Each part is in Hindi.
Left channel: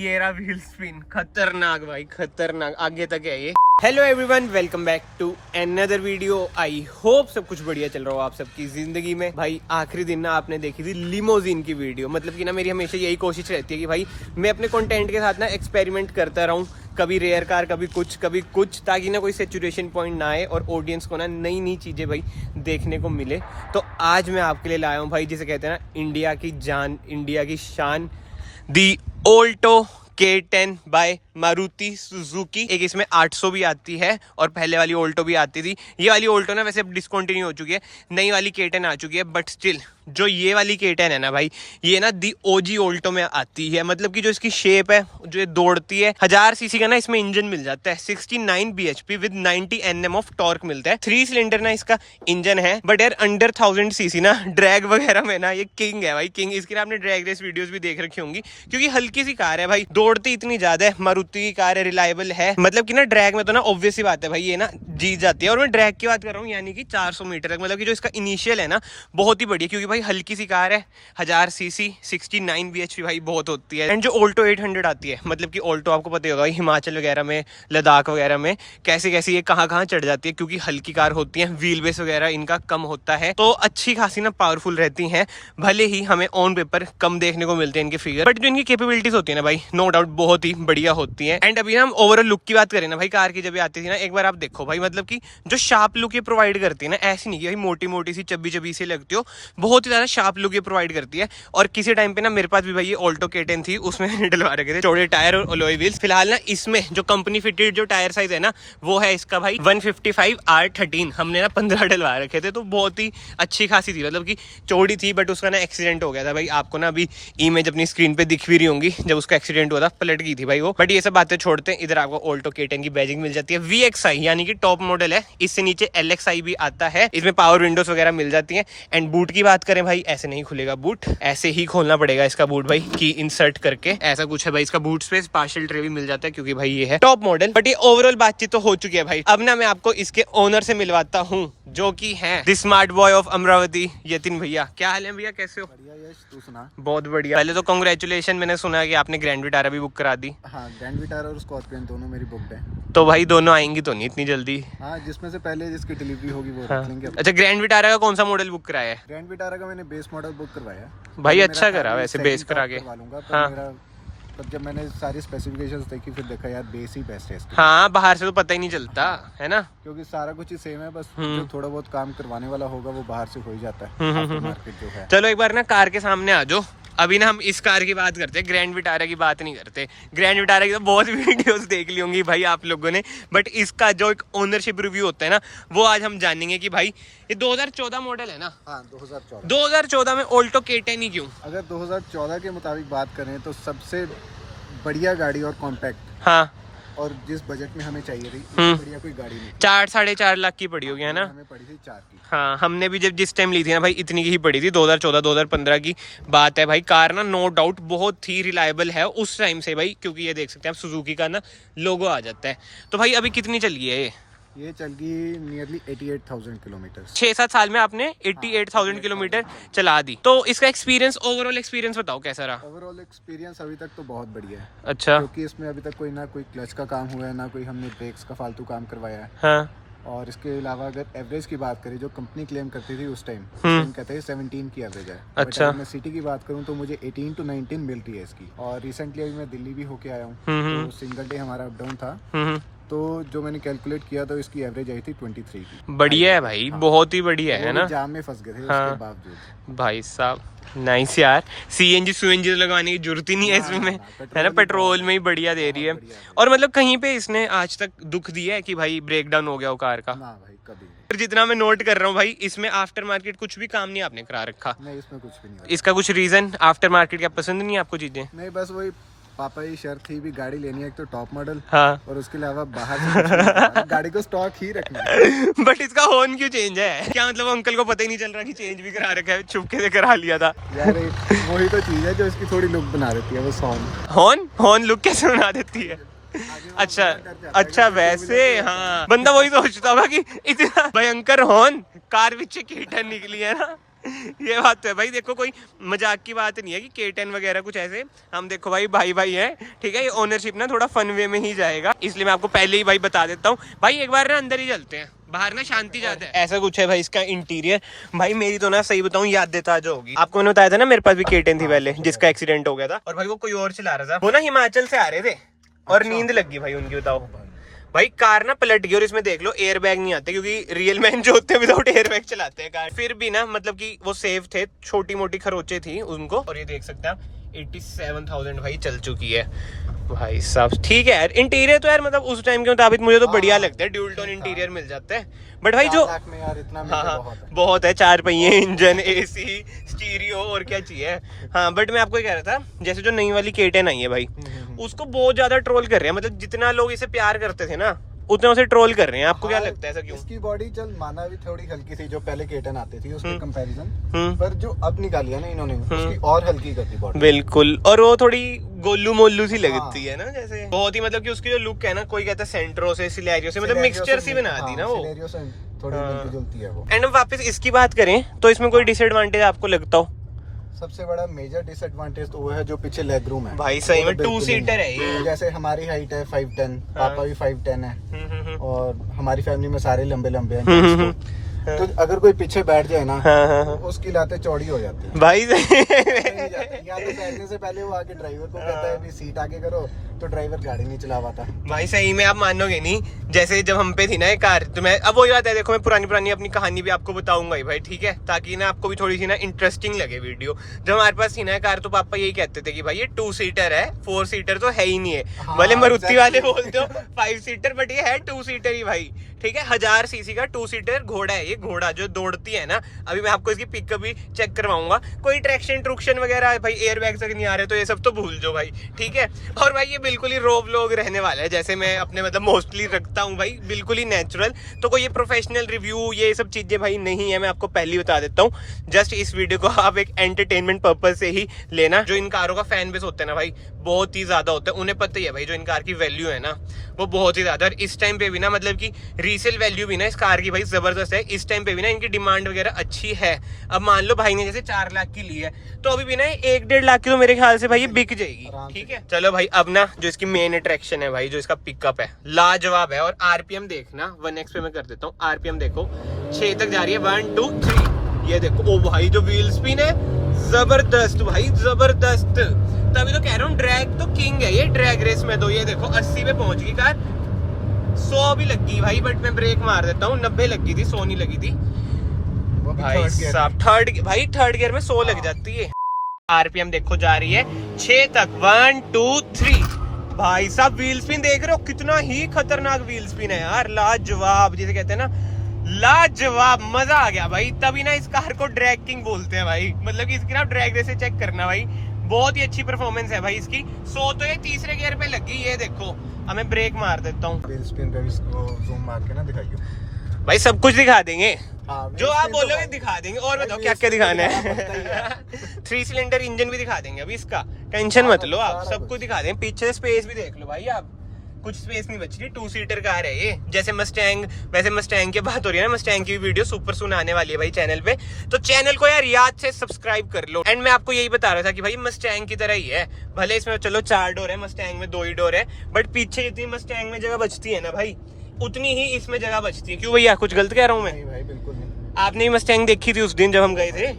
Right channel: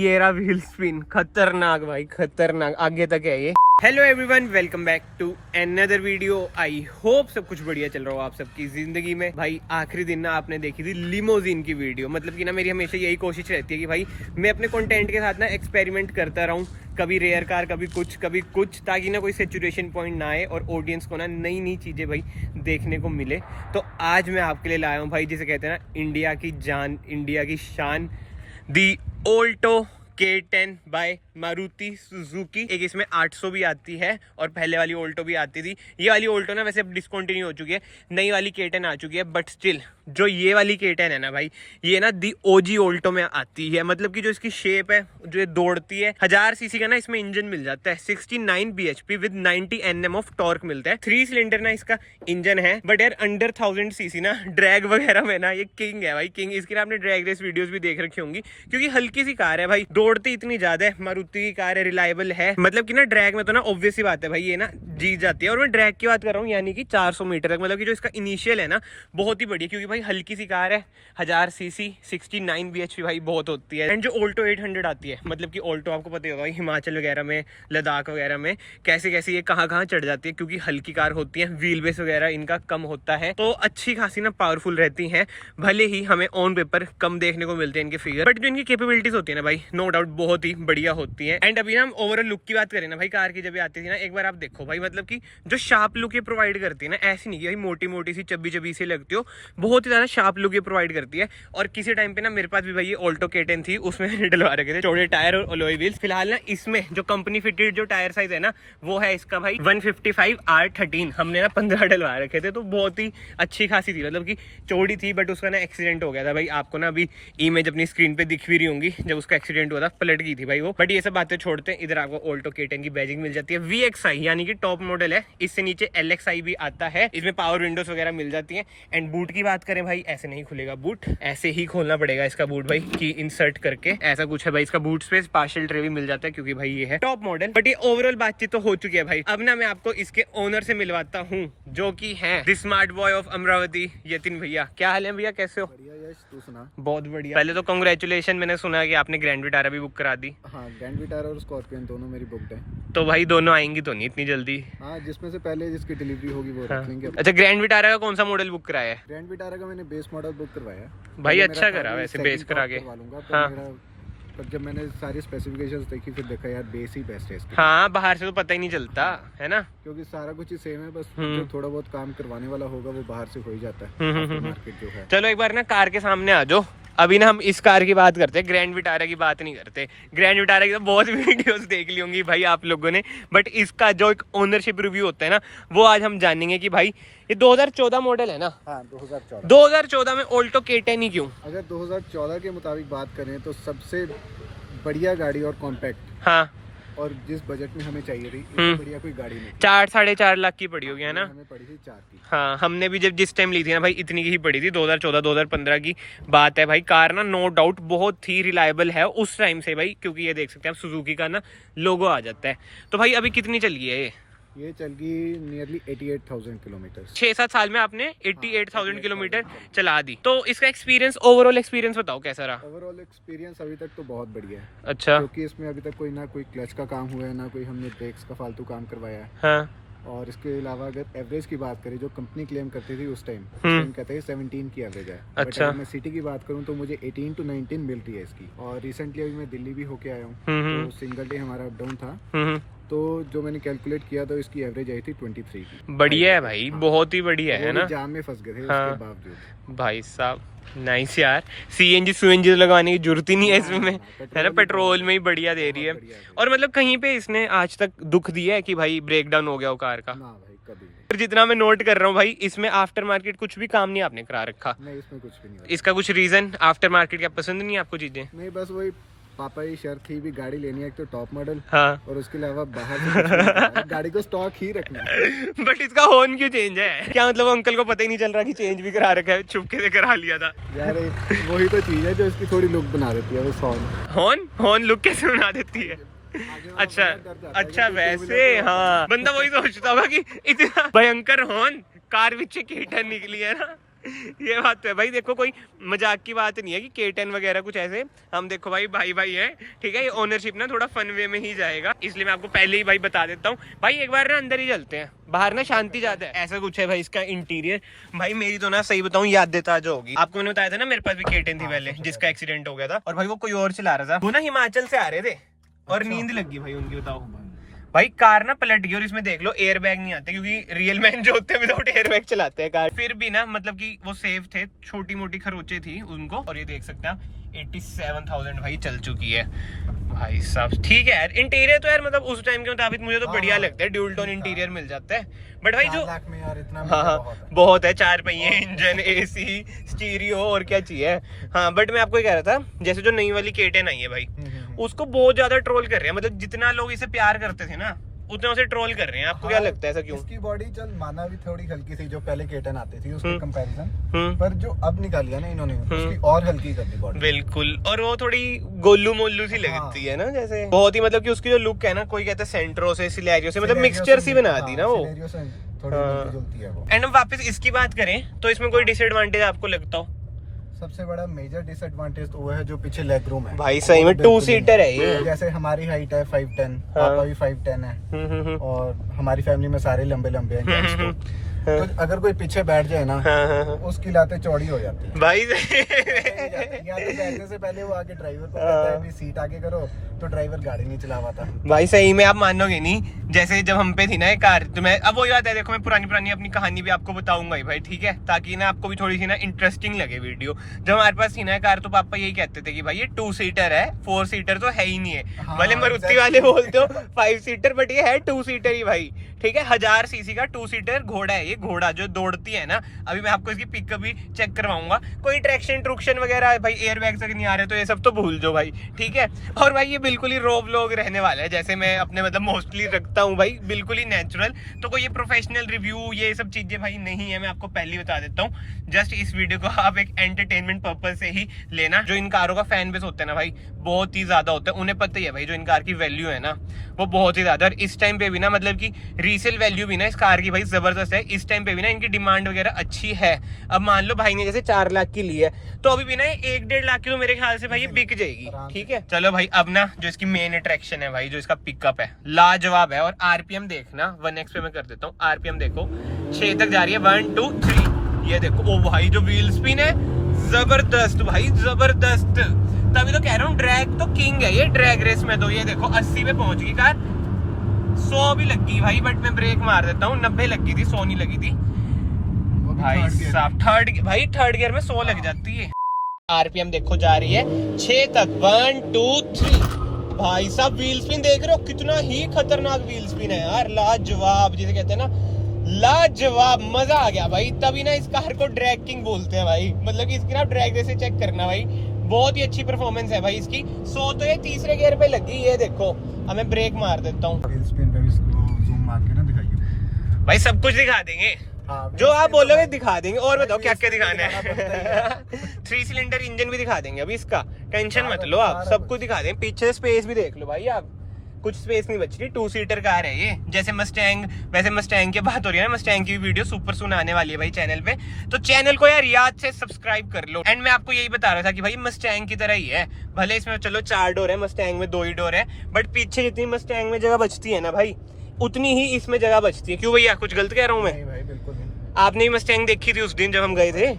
ये रहा व्हील स्पिन, खतरनाक भाई खतरनाक, आगे तक है ये। Hello everyone, welcome back to another video. I hope सब कुछ बढ़िया चल रहा हो आप सबकी जिंदगी में। भाई आखिरी दिन ना आपने देखी थी लिमोजिन की वीडियो, मतलब कि ना मेरी हमेशा यही कोशिश रहती है कि भाई मैं अपने कंटेंट के साथ ना एक्सपेरिमेंट करता रहूं, कभी रेयर कार कभी कुछ, ताकि ना कोई सैचुरेशन पॉइंट ना आए और ऑडियंस को ना नई नई चीज़ें भाई देखने को मिले। तो आज मैं आपके लिए लाया हूँ भाई, जिसे कहते हैं ना इंडिया की जान, इंडिया की शान, the Alto K10 by Maruti Suzuki. एक इसमें 800 भी आती है और पहले वाली ऑल्टो भी आती थी। ये वाली ऑल्टो ना वैसे अब डिसकंटिन्यू हो चुकी है, नई वाली K10 आ चुकी है, बट स्टिल जो ये वाली K10 है ना भाई, ये ना दी ओजी ऑल्टो में आती है। मतलब कि जो इसकी शेप है, जो ये दौड़ती है, 1000 सीसी का ना इसमें इंजन मिल जाता है, 69 bhp with 90 Nm of torque मिलता है। 3 सिलेंडर ना इसका इंजन है, बट यार अंडर 1000 सीसी ना ड्रैग वगैरह में ना ये किंग है भाई, किंग। इसकी ना आपने ड्रैग रेस वीडियोस भी देख रखी होंगी, क्योंकि हल्की सी कार है भाई, दौड़ती इतनी ज्यादा है, मारुति की कार है, रिलायबल है। मतलब कि ना ड्रैग में तो ना ऑब्वियस ही बात है भाई, ये ना जीत जाती है। और मैं ड्रैग की बात कर रहा हूँ, यानी कि 400 मीटर तक। मतलब कि जो इसका इनिशियल है ना बहुत ही बढ़िया, क्योंकि भाई हल्की सी कार है, 1000 सीसी, 69 bhp भाई बहुत होती है। एंड जो ऑल्टो 800 आती है, मतलब कि ऑल्टो आपको पता ही होगा हिमाचल वगैरह में, लद्दाख वगैरह में कैसे कैसे ये कहाँ चढ़ जाती है, क्योंकि हल्की कार होती है, व्हील बेस वगैरह इनका कम होता है, तो अच्छी खासी ना पावरफुल रहती हैं। भले ही हमें ऑन पेपर कम देखने को मिलते हैं इनके फिगर, बट जो इनकी कैपेबिलिटीज होती है ना भाई, नो डाउट बहुत ही बढ़िया होती है। एंड अभी ना हम ओवरऑल लुक की बात करें ना भाई, कार की जब आती थी ना, एक बार आप देखो भाई, मतलब कि जो शार्प लुक ये प्रोवाइड करती है ना, ऐसी नहीं कि भाई मोटी मोटी सी चब्बी सी लगती हो, बहुत ही ज्यादा शार्प लुक ये प्रोवाइड करती है। और किसी टाइम पे ना मेरे पास भी भाई ये ऑल्टो K10 थी, उसमें डलवा रखे थे चौड़े टायर और अलॉय व्हील्स। फिलहाल ना इसमें जो कंपनी फिटेड जो टायर साइज है ना, वो है इसका भाई 155 R13। हमने ना 15 डलवा रखे थे, तो बहुत ही अच्छी खासी थी, मतलब कि चौड़ी थी, बट उसका ना एक्सीडेंट हो गया था भाई। आपको ना अभी इमेज अपनी स्क्रीन पे दिख भी रही होंगी, जब उसका एक्सीडेंट हुआ था पलट गई थी भाई वो। बट ये सब बातें छोड़ते हैं, इधर आपको ऑल्टो K10 की बैजिंग मिल जाती है, VXI यानी कि टॉप मॉडल है। इससे नीचे LXI भी आता है, इसमें पावर विंडोज वगैरह मिल जाती है। एंड बूट की बात करें भाई, ऐसे नहीं खुलेगा बूट, ऐसे ही खोलना पड़ेगा इसका बूट भाई, की इंसर्ट करके, ऐसा कुछ है भाई। इसका बूट स्पेस पार्शियल ट्रे भी मिल जाता है, क्योंकि भाई ये है टॉप मॉडल। बट ये ओवरऑल बातचीत तो हो चुकी है भाई। अब ना मैं आपको इसके ओनर से मिलवाता हूँ, जो कि है the smart boy of Amravati, Yatin भैया। क्या हाल है भैया, कैसे हो? बढ़िया यश, तू सुना? बहुत बढ़िया। पहले तो कांग्रेचुलेशन, मैंने सुना है कि आपने ग्रैंड विटारा भी बुक करा दी। हाँ, ग्रैंड विटारा और स्कॉर्पियन दोनों मेरी बुकड है। तो भाई दोनों आएंगी तो नहीं इतनी जल्दी? हाँ, जिसमें से पहले जिसकी डिलीवरी होगी वो हाँ। रख लेंगे। अच्छा, ग्रैंड विटारा का कौन सा मॉडल बुक कराया है? ग्रैंड विटारा का मैंने बेस मॉडल बुक करवाया भाई। अच्छा करा वैसे, बेस करा के। हाँ, पर जब मैंने सारी स्पेसिफिकेशंस देखी, फिर देखा यार बेस ही बेस्ट है इसके। हाँ, बाहर से तो पता ही नहीं चलता है ना, क्योंकि सारा कुछ ही सेम है, बस जो थोड़ा बहुत काम करवाने वाला होगा वो बाहर से हो ही जाता है। मार्केट जो है। चलो एक बार ना कार के सामने आ जाओ। अभी ना हम इस कार की बात करते हैं, ग्रैंड विटारा की बात नहीं करते। ग्रैंड विटारा की तो बहुत वीडियोस देख ली होंगी भाई आप लोगों ने, बट इसका जो एक ओनरशिप रिव्यू होता है ना, वो आज हम जानेंगे कि भाई ये 2014 मॉडल है ना। हाँ, 2014 में ऑल्टो K10 ही क्यों? अगर 2014 के मुताबिक बात करें तो सबसे बढ़िया गाड़ी और कॉम्पैक्ट, हाँ, और जिस बजट में हमें चाहिए थी, इससे बढ़िया कोई गाड़ी नहीं। 4-4.5 लाख की पड़ी होगी है ना? हमें पड़ी थी 4 की। हाँ, हमने भी जब जिस टाइम ली थी ना भाई, इतनी की ही पड़ी थी। 2014-2015 की बात है भाई। कार ना नो डाउट बहुत ही रिलायबल है उस टाइम से भाई, क्योंकि ये देख सकते हैं आप, सुजुकी का ना लोगो आ जाता है। तो भाई अभी कितनी चल गई है ये चल गई नियरली 88,000 किलोमीटर। 6-7 साल में आपने 88,000 किलोमीटर चला दी। तो इसका एक्सपीरियंस, ओवरऑल एक्सपीरियंस बताओ कैसा रहा? ओवरऑल एक्सपीरियंस अभी तक तो बहुत बढ़िया है। अच्छा। क्योंकि इसमें अभी तक कोई ना कोई क्लच का काम हुआ है, ना कोई हमने ब्रेक्स का फालतू काम करवाया है। हाँ। और इसके अलावा अगर एवरेज की बात करें, जो कंपनी क्लेम करती थी उस टाइम कहते हैं 17 की एवरेज है। अच्छा। अगर मैं सिटी की बात करूं तो मुझे 18 to 19 मिल रही है इसकी। और रिसेंटली अभी मैं दिल्ली भी होके आया हूँ, तो सिंगल डे हमारा अप डाउन था, तो जो मैंने कैलकुलेट किया तो इसकी एवरेज आई थी 23 की। बढ़िया है भाई, बहुत ही बढ़िया है ना। जाम में फंस गए थे हाँ। उसके बावजूद। भाई साहब नाइस यार। CNG तो लगाने की जरूरत ही नहीं है इसमें, है ना, पेट्रोल में ही बढ़िया दे रही है। और मतलब कहीं पे इसने आज तक दुख दिया है कि भाई ब्रेक डाउन हो गया हो कार का? ना भाई, कभी नहीं। पर जितना मैं नोट कर रहा हूँ भाई, इसमें आफ्टर मार्केट कुछ भी काम नहीं आपने करा रखा। नहीं, इसमें कुछ भी नहीं। इसका कुछ रीजन, आफ्टर मार्केट क्या पसंद नहीं है आपको चीजें? नहीं, बस वही पापा की शर्त थी भी, गाड़ी लेनी है एक तो टॉप मॉडल। हाँ। और उसके अलावा बाहर से गाड़ी को स्टॉक ही रखना है। बट इसका हॉर्न क्यों चेंज है? क्या मतलब अंकल को पता ही नहीं चल रहा कि चेंज भी करा रखा है, छुपके से करा लिया था यार? वही तो चीज है जो इसकी थोड़ी लुक बना देती है, बस हॉर्न लुक कैसे बना देती है? अच्छा वैसे, हाँ, बंदा वही सोचता होगा कि इतना भयंकर हॉर्न कार पीछे K10 निकली है ना। ये बात तो है भाई। देखो कोई मजाक की बात नहीं है कि K10 वगैरह कुछ ऐसे, हम देखो भाई भाई भाई हैं, ठीक है। ये ओनरशिप ना थोड़ा फन वे में ही जाएगा, इसलिए मैं आपको पहले ही भाई बता देता हूँ भाई। एक बार ना अंदर ही चलते हैं, बाहर ना शांति ज्यादा है। ऐसा कुछ है भाई इसका इंटीरियर। भाई मेरी तो ना सही बताऊं याद देता जो होगी। आपको मैंने बताया था ना मेरे पास भी K10 थी पहले, जिसका एक्सीडेंट हो गया था, और भाई वो कोई और चला रहा था। वो ना हिमाचल से आ रहे थे और नींद लग गई भाई उनकी। बताओ भाई कार ना पलट गई, और इसमें देख लो एयर बैग नहीं आते, क्योंकि रियल मैन जो होते हैं विदाउट एयर बैग चलाते हैं कार। फिर भी ना मतलब कि वो सेफ थे, छोटी मोटी खरोचे थी उनको। और ये देख सकते हैं आप 87,000 भाई चल चुकी है भाई साहब। ठीक है यार, इंटीरियर तो यार मतलब उस टाइम के मुताबिक मुझे तो बढ़िया लगता है। ड्यूल टोन इंटीरियर मिल जाता है, बट भाई जो में यार इतना हाँ बहुत है। 4 पहिए, इंजन, AC, स्टीरियो, और क्या चाहिए। हाँ बट मैं आपको ये कह रहा था, जैसे जो नई वाली K10 आई है भाई, उसको बहुत ज्यादा ट्रोल कर रहे हैं। मतलब जितना लोग इसे प्यार करते थे ना, उतना उसे ट्रोल कर रहे हैं। आपको क्या लगता है ऐसा क्यों? इसकी बॉडी चल माना भी थोड़ी हल्की थी जो पहले K10 आती थी उसके कंपैरिजन, पर जो अब निकाली है ना इन्होंने, उसकी और हल्की कर दी बॉडी। बिल्कुल, और वो थोड़ी गोलू मोलू सी लगती है ना, जैसे बहुत ही मतलब कि उसकी जो लुक है ना, कोई कहता है सेंट्रो से, सिलेरियो से, मतलब मिक्सचर सी बना दी ना वो। थोड़ी मिलती-जुलती है वो। एंड वापस इसकी बात करें तो इसमें कोई डिसएडवांटेज आपको लगता हो? सबसे बड़ा मेजर डिसएडवांटेज तो वो है जो पीछे लेग रूम है भाई। सही में 2 सीटर है ये। जैसे हमारी हाइट है 5'10", पापा भी 5'10" है, और हमारी फैमिली में सारे लंबे लंबे हैं। तो अगर कोई पीछे बैठ जाए ना, उसकी लातें चौड़ी हो जाती है भाई। या तो बैठने से पहले वो आके ड्राइवर को कहता है भी सीट आगे करो, तो ड्राइवर गाड़ी नहीं चला पाता भाई। सही में आप मानोगे नहीं, जैसे जब हम पे थी ना ये कार, तो मैं अब वही बात है, देखो मैं पुरानी अपनी कहानी भी आपको बताऊंगा ही भाई, ठीक है, ताकि ना आपको भी थोड़ी सी ना इंटरेस्टिंग लगे वीडियो। जब हमारे पास थी ना कार, तो पापा यही कहते थे कि भाई ये 2 सीटर है, 4 सीटर तो है ही नहीं है। भले मारुति वाले बोलते हो 5 सीटर, बट ये है 2 सीटर ही भाई, ठीक है। 1000 सीसी का 2 सीटर घोड़ा है ये, घोड़ा जो दौड़ती है ना। अभी मैं आपको इसकी पिकअप भी चेक करवाऊंगा। कोई ट्रैक्शन ट्रुक्शन वगैरह भाई एयर बैग तक नहीं आ रहे, तो ये सब तो भूल जाओ भाई, ठीक है। और भाई ये बिल्कुल ही रो व्लॉग रहने वाला है, जैसे मैं अपने मतलब मोस्टली रखता हूँ भाई, बिल्कुल ही नेचुरल। तो कोई ये प्रोफेशनल रिव्यू ये सब चीजें भाई नहीं है, मैं आपको पहले ही बता देता हूँ। जस्ट इस वीडियो को आप एक एंटरटेनमेंट पर्पज से ही लेना। जो इन कारों का फैन बेस होता है ना भाई, बहुत ही ज्यादा होता है। उन्हें पता ही है भाई जो इन कार की वैल्यू है ना, वो बहुत ही ज्यादा। और इस टाइम पे भी ना मतलब कि रीसेल वैल्यू भी ना इस कार की भाई जबरदस्त है। इस टाइम पे भी ना इनकी डिमांड वगैरह अच्छी है। अब मान लो भाई ने जैसे 4 लाख की ली है, तो अभी भी ना 1-1.5 लाख की तो मेरे ख्याल से भाई ये बिक जाएगी, ठीक है। चलो भाई, अब ना जो इसकी मेन अट्रैक्शन है भाई, जो इसका पिकअप है, लाजवाब है। और आरपीएम देखना, 1x पे मैं कर देता हूँ। आरपीएम देखो 6 तक जा रही है, 1 2 3। ये देखो, ओ भाई जो व्हील स्पिन है, जबरदस्त भाई, जबरदस्त। तभी तो कह रहा हूँ ड्रैग तो किंग है ये ड्रैग रेस में। तो ये देखो 80 पे पहुंच गई कार, 100 भी लग गई भाई, बट मैं ब्रेक मार देता हूँ। 90 लगी थी, 100 नहीं लगी थी भाई साहब। थर्ड गियर में 100 लग जाती है। आरपीएम देखो जा रही है 6 तक, 1 2 3। भाई साहब व्हील स्पिन देख रहे हो, कितना ही खतरनाक व्हील स्पिन है यार, लाजवाब, जिसे कहते हैं ना लाजवाब। मजा आ गया भाई। तभी ना इस कार को ड्रैग किंग बोलते हैं भाई, मतलब कि इसकी ना ड्रैग रेस चेक करना भाई, बहुत ही अच्छी परफॉर्मेंस है भाई इसकी। 100 तो ये तीसरे गियर पे लगी। ये देखो, हमें ब्रेक मार देता हूँ जूम मार के ना दिखाइए भाई, सब कुछ दिखा देंगे जो आप बोलोगे दिखा देंगे। और बताओ क्या क्या दिखाना है। 3 सिलेंडर इंजन भी दिखा देंगे अभी इसका, टेंशन मत लो आप, सब कुछ दिखा देंगे। पीछे स्पेस भी देख लो भाई आप, कुछ स्पेस नहीं बच रही। 2 सीटर कार है ये, जैसे मस्टैंग। वैसे मस्टैंग की बात हो रही है ना, मस्टैंग की वीडियो सुपर सून आने वाली है भाई चैनल पे, तो चैनल को यार याद से सब्सक्राइब कर लो। एंड मैं आपको यही बता रहा था कि भाई मस्टैंग की तरह ही है, भले इसमें चलो 4 डोर है, मस्टैंग में 2 ही डोर है, बट पीछे जितनी मस्टैंग में जगह बचती है ना भाई, उतनी ही इसमें जगह बचती है। क्यों भैया, कुछ गलत कह रहा हूँ मैं? भाई बिल्कुल नहीं। आपने ही मस्टैंग देखी थी उस दिन जब हम गए थे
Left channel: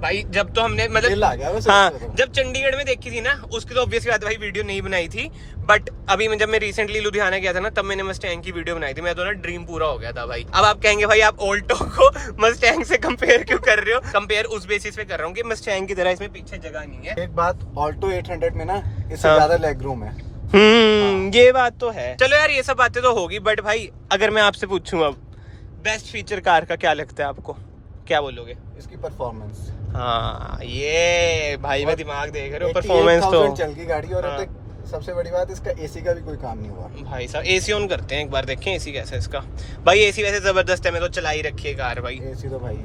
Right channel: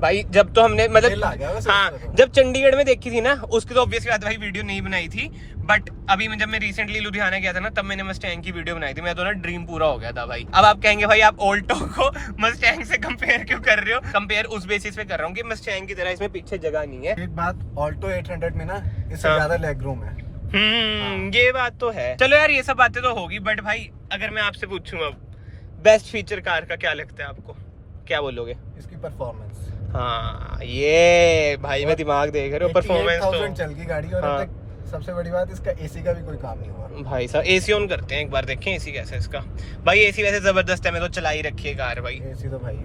भाई, जब तो हमने मतलब हाँ, जब चंडीगढ़ में देखी थी ना, उसकी तो ऑब्वियस बात भाई वीडियो नहीं बनाई थी। बट अभी जब मैं रिसेंटली लुधियाना गया था ना, तब मैंने मस्टैंग की वीडियो बनाई थी। मैं तो ना ड्रीम पूरा हो गया था भाई। अब आप कहेंगे भाई आप ऑल्टो को मस्टैंग से कंपेयर क्यों कर रहे हो? कंपेयर उस बेसिस पे कर रहा हूँ कि मस्टैंग की तरह इसमें पीछे जगह नहीं है। एक बात, ऑल्टो 800 में ना इससे ज्यादा लेग रूम है। ये बात तो है। चलो यार ये सब बातें तो होगी, बट भाई अगर मैं आपसे पूछूं अब बेस्ट फीचर कार का क्या लगता है आपको, क्या बोलोगे? इसकी परफॉर्मेंस। हाँ ये भाई मैं दिमाग देख रहे हो, परफॉर्मेंस तो चल गई गाड़ी। और अब तक सबसे बड़ी बात, इसका एसी का भी कोई काम नहीं हुआ भाई साहब। एसी ऑन करते हैं एक बार, देखें एसी कैसा है इसका। भाई एसी वैसे जबरदस्त है, मैं तो चला ही रखी है कार भाई। एसी तो भाई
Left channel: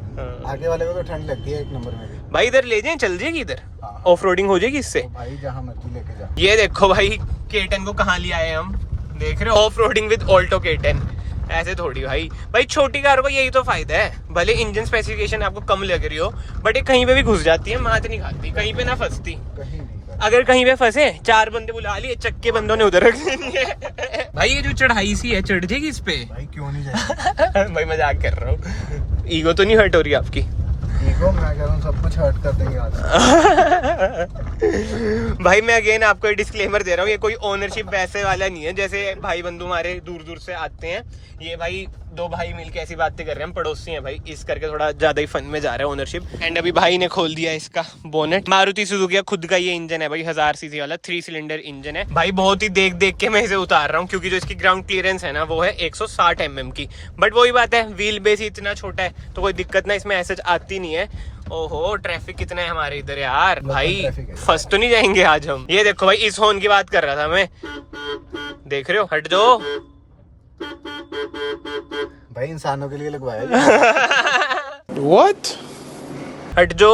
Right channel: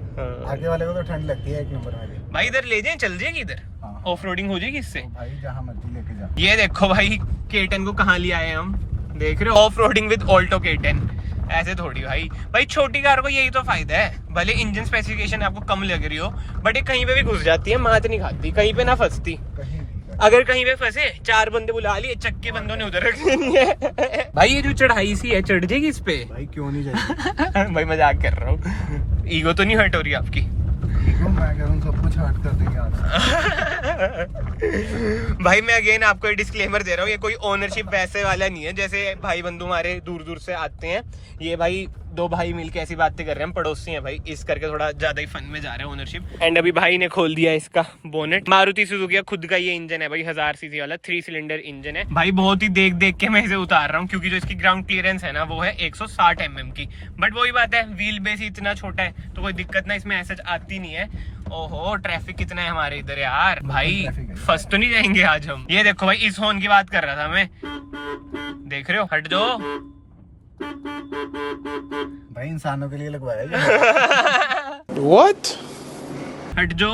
आगे वाले को तो ठंड लगती है 1 नंबर में भी। भाई इधर ले जाएं, चल जाएगी इधर, ऑफ रोडिंग हो जाएगी इससे भाई, जहाँ मर्जी लेके जा। ये देखो भाई K10 को कहाँ ले आए हम, देख रहे हो, off roading with Alto K10 ऐसे थोड़ी भाई छोटी कार को यही तो फायदा है, भले इंजन स्पेसिफिकेशन आपको कम लग रही हो बट ये कहीं पे भी घुस जाती है, मात नहीं खाती, कहीं पे ना फंसती। कहीं अगर कहीं पे फंसे 4 बंदे बुला लिए, चक्के बंदों ने उधर रख देनी है। भाई ये जो चढ़ाई सी है, चढ़ जाएगी इस पे? भाई क्यों नहीं जाएगी? भाई मजाक कर रहा हूँ, ईगो तो नहीं हर्ट हो रही आपकी? ईगो मैं कह रहा हूँ सब कुछ हर्ट कर देंगे आज। भाई मैं अगेन आपको डिस्क्लेमर दे रहा हूँ, ये कोई ओनरशिप वैसे वाला नहीं है जैसे भाई बंधु हमारे दूर दूर से आते हैं। ये भाई 2 भाई मिलके ऐसी बातें कर रहे हैं, हम पड़ोसी हैं भाई, इस करके थोड़ा ज्यादा ही फन में जा रहा है ओनरशिप। एंड अभी भाई ने खोल दिया इसका बोनेट। मारुति सुजुकी का खुद का ये इंजन है भाई, 1000 सीसी वाला 3 सिलेंडर इंजन है भाई। बहुत ही देख देख के मैं इसे उतार रहा हूँ क्योंकि जो इसकी ग्राउंड क्लियरेंस है ना वो है 160 mm की। बट वही बात है, व्हील बेस इतना छोटा है तो कोई दिक्कत ना इसमें ऐसे आती नहीं है। ओहो ट्रैफिक कितना है हमारे इधर यार, भाई फंस तो नहीं जाएंगे आज हम? ये देखो भाई, इस हॉर्न की बात कर रहा था मैं, देख रहे हो? हट जाओ भाई, इंसानों के लिए लगवाया। What? हट जो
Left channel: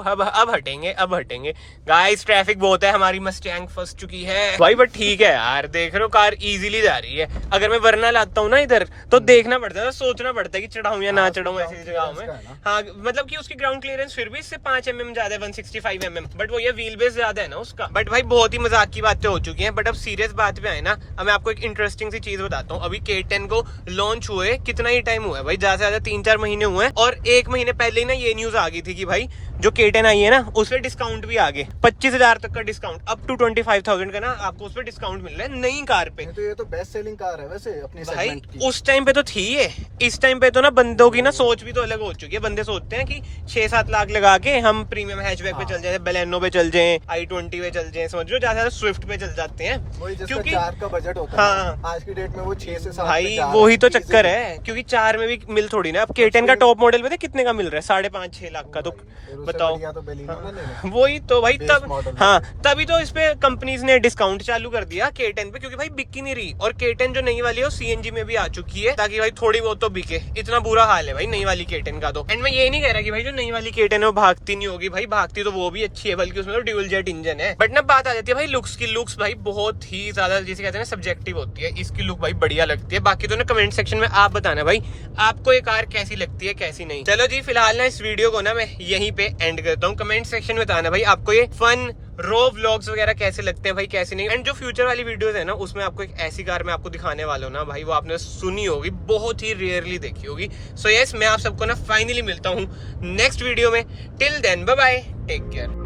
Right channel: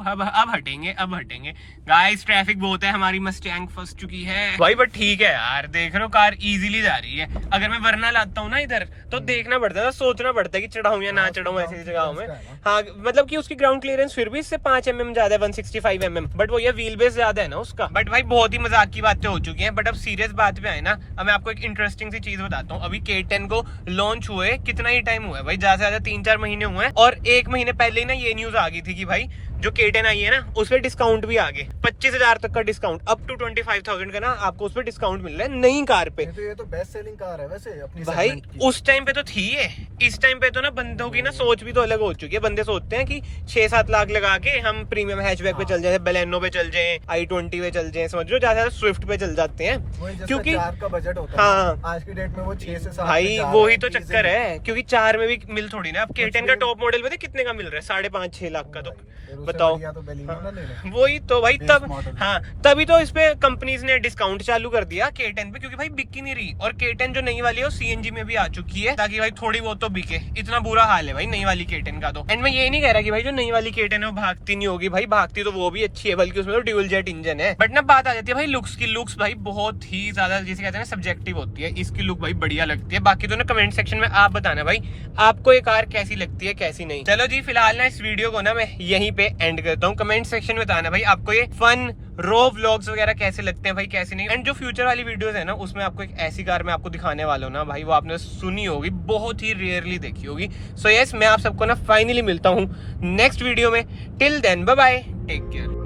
अब हटेंगे गाइस। ट्रैफिक बहुत है, हमारी मस्टैंग फंस चुकी है भाई, बट ठीक है यार, देख रहे हो कार इजीली जा रही है। अगर मैं वरना लाता हूँ ना इधर तो देखना पड़ता है ना, सोचना पड़ता है कि चढ़ाऊं या ना चढ़ाऊं ऐसी जगह में। हाँ मतलब कि उसकी ग्राउंड क्लियरेंस फिर भी इससे 5 mm ज्यादा है, 165 mm, बट वो ये व्हील बेस ज्यादा है ना उसका। बट भाई बहुत ही मजाक की बातें हो चुकी हैं, बट अब सीरियस बात पे आए ना, अब मैं आपको एक इंटरेस्टिंग सी चीज बताता हूँ। अभी K10 को लॉन्च हुए कितना ही टाइम हुआ है भाई, ज्यादा से ज्यादा 3-4 महीने हुए हैं, और 1 महीने पहले ही ना ये न्यूज आ गई थी कि भाई जो K10 आई है ना उस पर डिस्काउंट भी आ गए, 25,000 तक का डिस्काउंट, अप टू 25,000 का ना आपको उस पर डिस्काउंट मिल रहा है नई कार पे। तो ये तो बेस्ट सेलिंग कार है वैसे अपनी भाई उस टाइम पे तो थी है, इस टाइम पे तो ना बंदों की ना सोच भी तो अलग हो चुकी है। बंदे सोचते हैं कि 6-7 लाख लगा के हम प्रीमियम हैचबैक पे चल जाए, बेलेनो पे चल जाए, i20 पे चल जाए, समझ लो ज्यादा स्विफ्ट पे चल जाते हैं क्योंकि 4 का बजट होता है आज की डेट में, वो 6 से 7 भाई वही तो चक्कर है, क्योंकि 4 में भी मिल थोड़ी ना। अब K10 का टॉप मॉडल पता कितने का मिल रहा है? 5.5-6 लाख का। तो बताओ, वही तो भाई, तब हाँ तभी तो इस पे कंपनीज ने डिस्काउंट चालू कर दिया K10 पे, क्योंकि भाई बिक ही नहीं रही। और K10 जो नई वाली है वो CNG में भी आ चुकी है, ताकि भाई थोड़ी बहुत तो बिके। इतना बुरा हाल है भाई नई वाली K10 का तो। एंड मैं ये नहीं कह रहा कि भाई जो नई वाली K10 है वो भागती नहीं होगी, भाई भागती तो वो भी अच्छी है, बल्कि उसमें तो ड्यूल जेट इंजन है। बट ना बात आ जाती है भाई लुक्स की। लुक्स भाई बहुत ही ज्यादा जिसे कहते हैं ना सब्जेक्टिव होती है। इसकी लुक भाई बढ़िया लगती है, बाकी तो ना कमेंट सेक्शन में आप बताना भाई आपको ये कार कैसी लगती है कैसी नहीं। चलो जी फिलहाल ना इस वीडियो को ना मैं यहीं पे एंड करता हूँ। कमेंट सेक्शन में बताना भाई आपको ये फन रो व्लॉग्स वगैरह कैसे लगते हैं भाई, कैसे नहीं। एंड जो फ्यूचर वाली वीडियोस है ना उसमें आपको एक ऐसी कार मैं आपको दिखाने वाला हूँ ना भाई, वो आपने सुनी होगी, बहुत ही रेयरली देखी होगी। सो यस मैं आप सबको ना फाइनली मिलता हूँ नेक्स्ट वीडियो में। Till then bye bye, take care.